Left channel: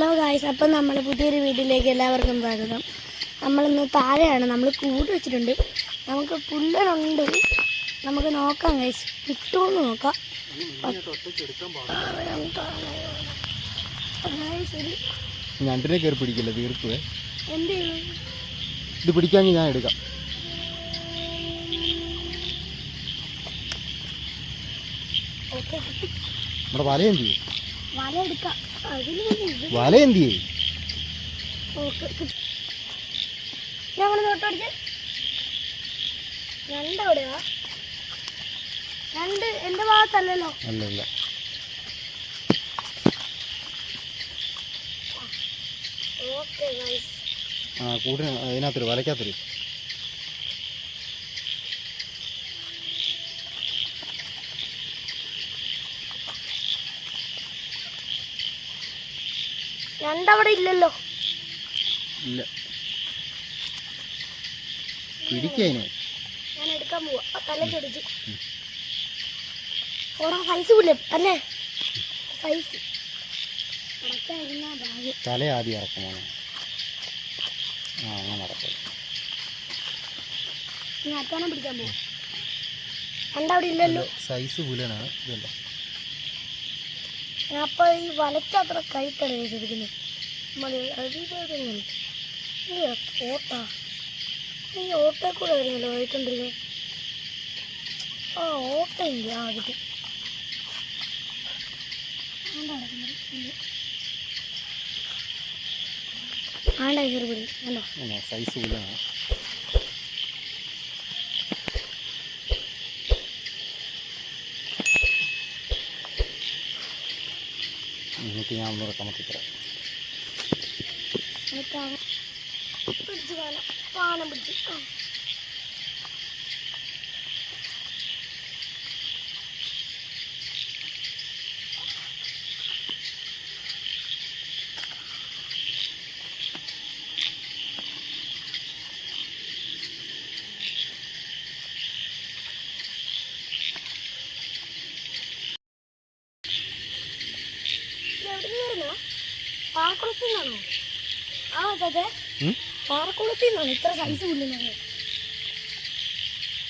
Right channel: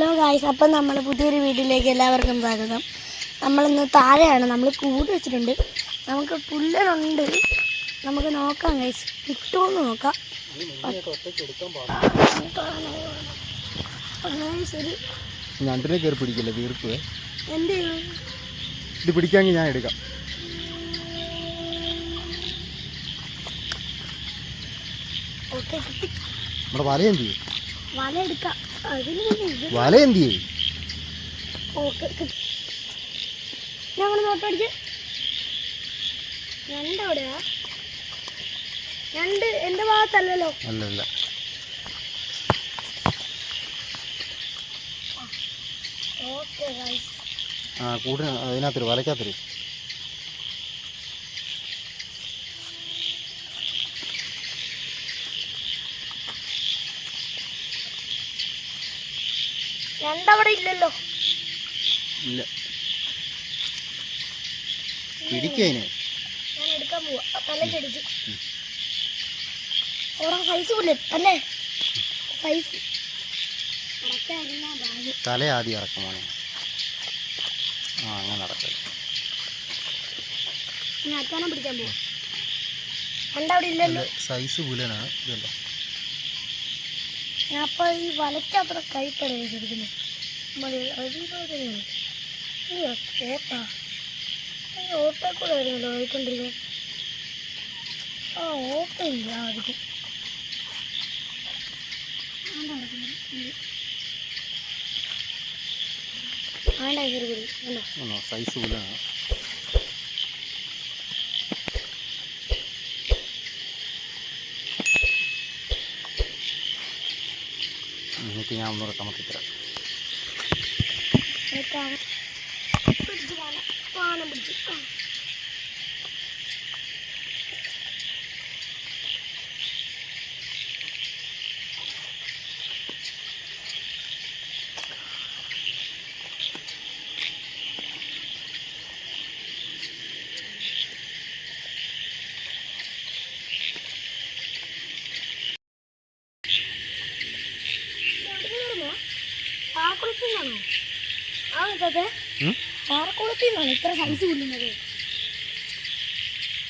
Hello guys, അപ്പം നമ്മൾ പുതിയൊരു വീട്ടിലേക്ക് എല്ലാവർക്കും സ്വാഗതം. നമ്മളിന്ന് താഴെയാണ്, നമ്മൾ കൂട് വെച്ചിട്ടുണ്ട്. നമുക്ക് പുല്ലുണ്ട്, നമുക്ക് നോക്കാം ഗായ്സ്, കിട്ടുമെന്ന് നോക്കാം. ശരി, ഞണ്ടിനെ കയറി പിടിക്കില്ല, തീർപ്പ് എന്ത് ഇത് പിടിക്കാമെങ്കിൽ ഞാൻ എടുക്കാം. നമ്മുടെ വല എന്ത് ചെയ്യും? വല എടുക്കാം. വല എന്ത് ചെയ്യും? ഞങ്ങൾ നോട്ടടിച്ച് രണ്ട് എവിടെയാ? രണ്ട് എൻ്റെ ഭാഗത്തല്ലല്ലോ. അല്ലല്ല, ആ കൂടിന് അതിനകത്തൊരു വലയ്ക്കകത്തൊരു രണ്ടവിടെ ഇല്ലല്ലോ. ഇല്ല, പിടിക്കതിനെ ഞാൻ എടുക്കാൻ പോവാ. തലക്കടിച്ച് ഓരോ സൈസ് പുല്ലേ അല്ലേ? സൈസ് തല ആദ്യം ഇറക്കമാണ്. ആ അങ്ങനെ ഇറക്കാം. ഞാൻ അത്താനം പിടിക്കാൻ പോവാ. രണ്ടവിടെ ഇല്ലല്ലോ. സൈസ് പുലനാണ് ഇതല്ല. അപ്പൊ ഈ വലയ്ക്കത്ര കൈക്കട ശരിക്കുന്നത് ഓട്ടാ. ഈ ഓട്ട കൂടെ ആയിരുന്നല്ലോ പോയിക്കൊണ്ടിരിക്കുന്നത്. ആ ഓട്ട ഇല്ല ആദ്യം. സൈസ് പുലാണ്. എന്നിട്ട് ഞാൻ ഒന്നുകൂടെ കമത്തിത്തരാം. ഇത്ര സൈസ് പുല്ലുന്നത്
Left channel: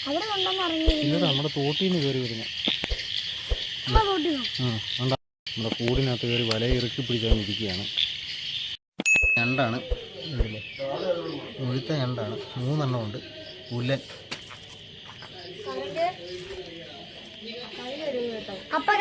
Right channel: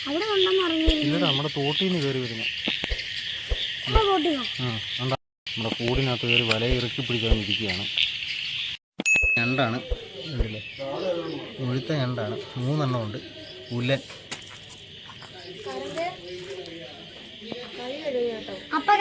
അവിടെ ഉണ്ടെന്ന് അറിഞ്ഞു. നമ്മുടെ തോട്ടിൽ നിന്ന് കയറി വരുന്നത്. നമ്മുടെ കൂടിനകത്ത് കയറി വല ഇറക്കി പിടിക്കാൻ ഇരിക്കുകയാണ്. ഞണ്ടാണ്, മുഴുത്ത ഞണ്ടാണ്. 3 എണ്ണം ഉണ്ട്. പുല്ലൻ. അപ്പൊ